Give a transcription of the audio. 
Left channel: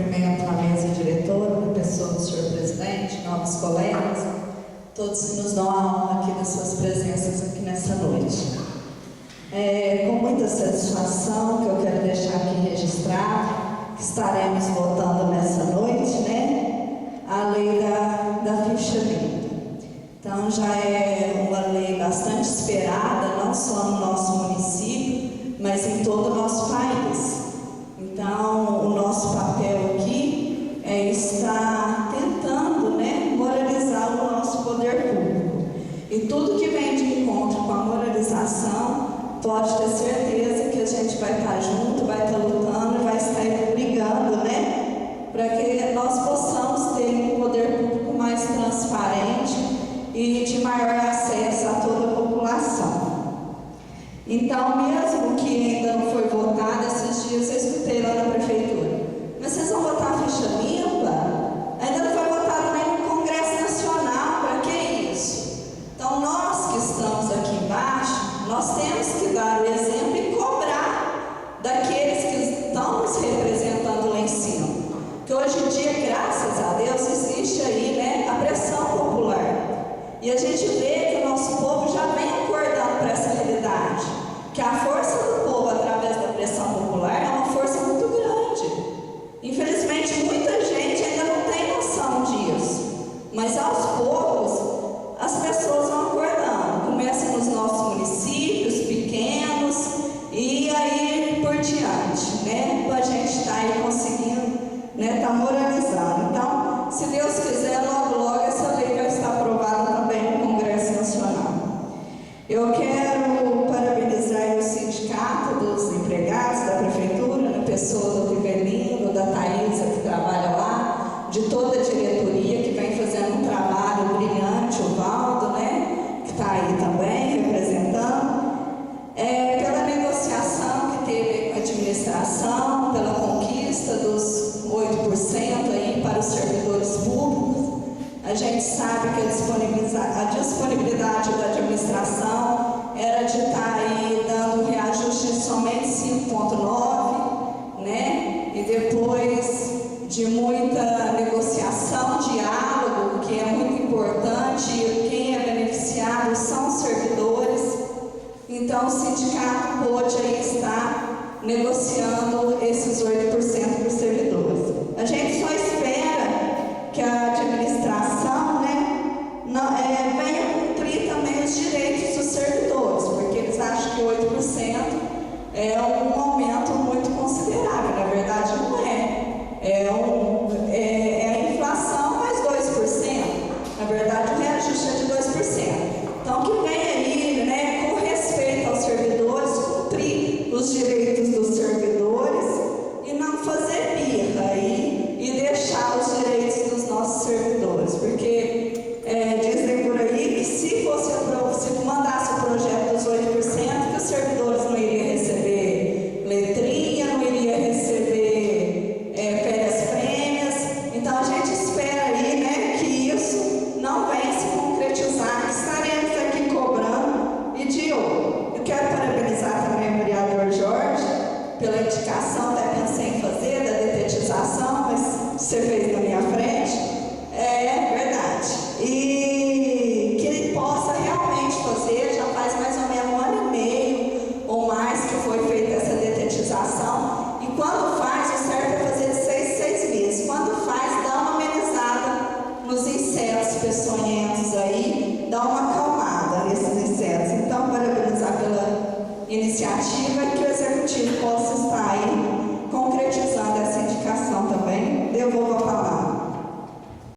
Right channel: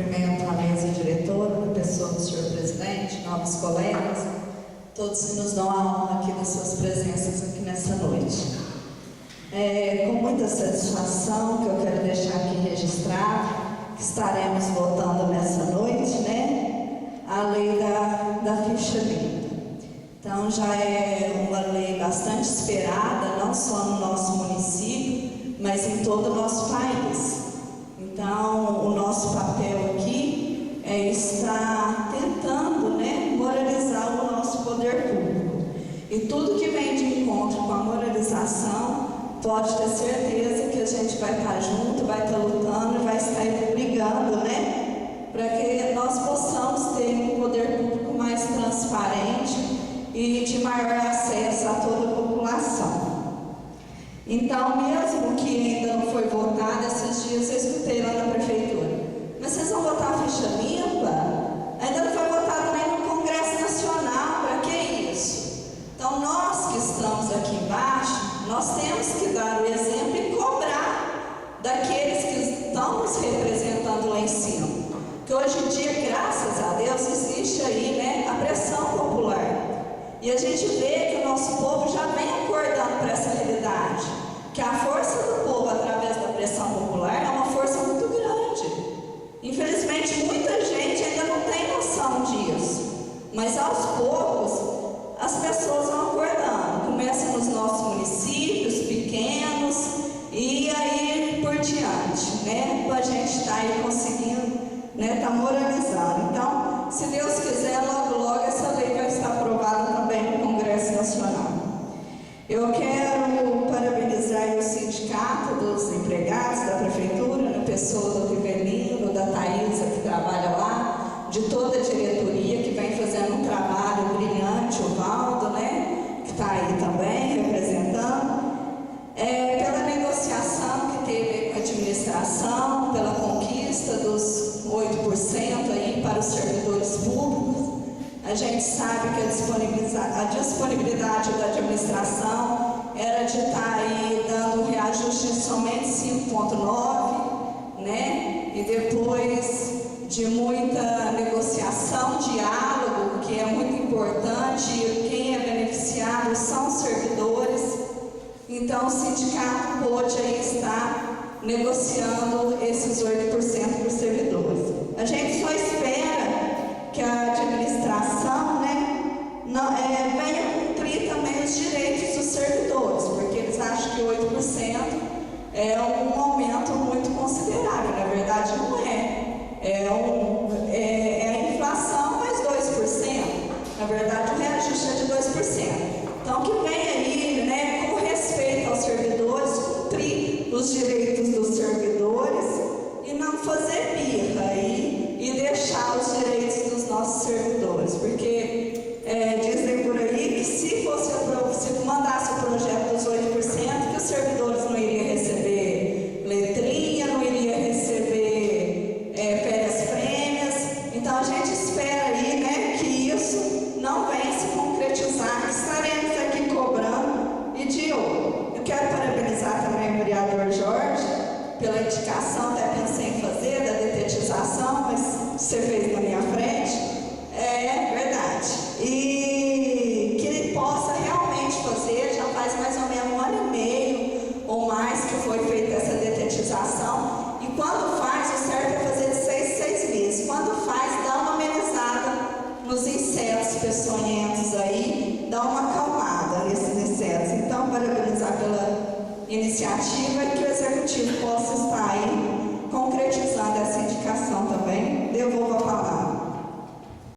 cumprimento a mesa diretora, a pessoa do senhor presidente, novos colegas, todos que nos dão a honra aqui das suas presenças aqui nessa noite. Com muita satisfação que eu quero deixar aqui registrado, que estaremos votando nessa noite, né, a lei da ficha limpa. Então já é uma lei bastante esperada, não só no nosso município, mas em todo o nosso país. Então, o nosso papel aqui é estar tentando, né, moralizar o nosso poder público. E tudo que vem de encontro com a moralização, pode ter certeza que a gente vai estar junto, vai estar lutando e vai estar brigando, né, para que nós possamos ter um poder público mais transparente e de maior acesso a toda a população. Então, mesmo que ainda não foi votado, esses dias eu escutei lá na prefeitura, mas vocês vão votar a ficha limpa? Ainda não foi votado nem no Congresso Nacional, para que isso? Então, nós que estamos aqui embaixo, nós temos que dar o exemplo e cobrar daqueles que estão nos representando lá em cima. Porque hoje em dia, graças a Deus, existe aí, né, a pressão popular. E a gente vê que o nosso povo já vem acordando para essa realidade, que a força do povo através da pressão popular é uma força muito grande. Infelizmente, muita gente ainda não tem noção disso, mas aos poucos as pessoas vão acordando. Começa nos nossos municípios pequenos e aí por diante, né, para a gente estar aí conseguindo, né, estar moralizando. Então, se Deus quiser, logo logo essa lei vai estar aprovada também no Congresso Nacional. Eu quero parabenizar o sindicato dos empregados da prefeitura, na pessoa do Rivelino, da Thaisa que trabalha lá, de toda a diretoria que vem fazendo um trabalho brilhante, o Valdo, né, que está aí também representando, pela negociação que teve com a administração, pela conquista dos 8% aí para os servidores públicos. A gente sabe que a disponibilidade da administração era de estar aí dando um reajuste de somente 5,9%, né? E depois de muita negociação, diálogo, que é muito importante, e quem é beneficiado são os servidores. Então o sindicato pôde aí estar negociando esses 8% para os servidores. A gente só espera que a administração, né, venha cumprir também os direitos dos servidores, porque eles acham que 8% é um aumento muito considerável. Na verdade não é. É a inflação mais 2%. Na verdade o reajuste é de 2%. Então que venha aí, né, com respeito aos servidores, cumprir os direitos dos servidores e não fazer birra aí e deixar os direitos dos nossos servidores, porque dizem por aí que se mandasse o projeto dos 8%, que os servidores não iriam receber letrinha, não iriam receber férias prêmias. Então a gente espera aí, né, que isso não venha se concretizar, que estaremos aqui cobrando e de olho. Eu quero parabenizar também o vereador Jorge pela indicação, até pensei em fazer, da detetização, mas você fez na minha frente. É verdade. E que ele possa realmente fazer, já faz mais ou menos 1 ano e meio ou mais que foi feita essa detetização. E quando faz, o certo é fazer de 6 meses. Quando faz, dá uma amenizada nos insetos peçonhentos aí, dá uma acalmada nesses insetos. Então, parabenizar pela iniciativa e que o executivo possa estar aí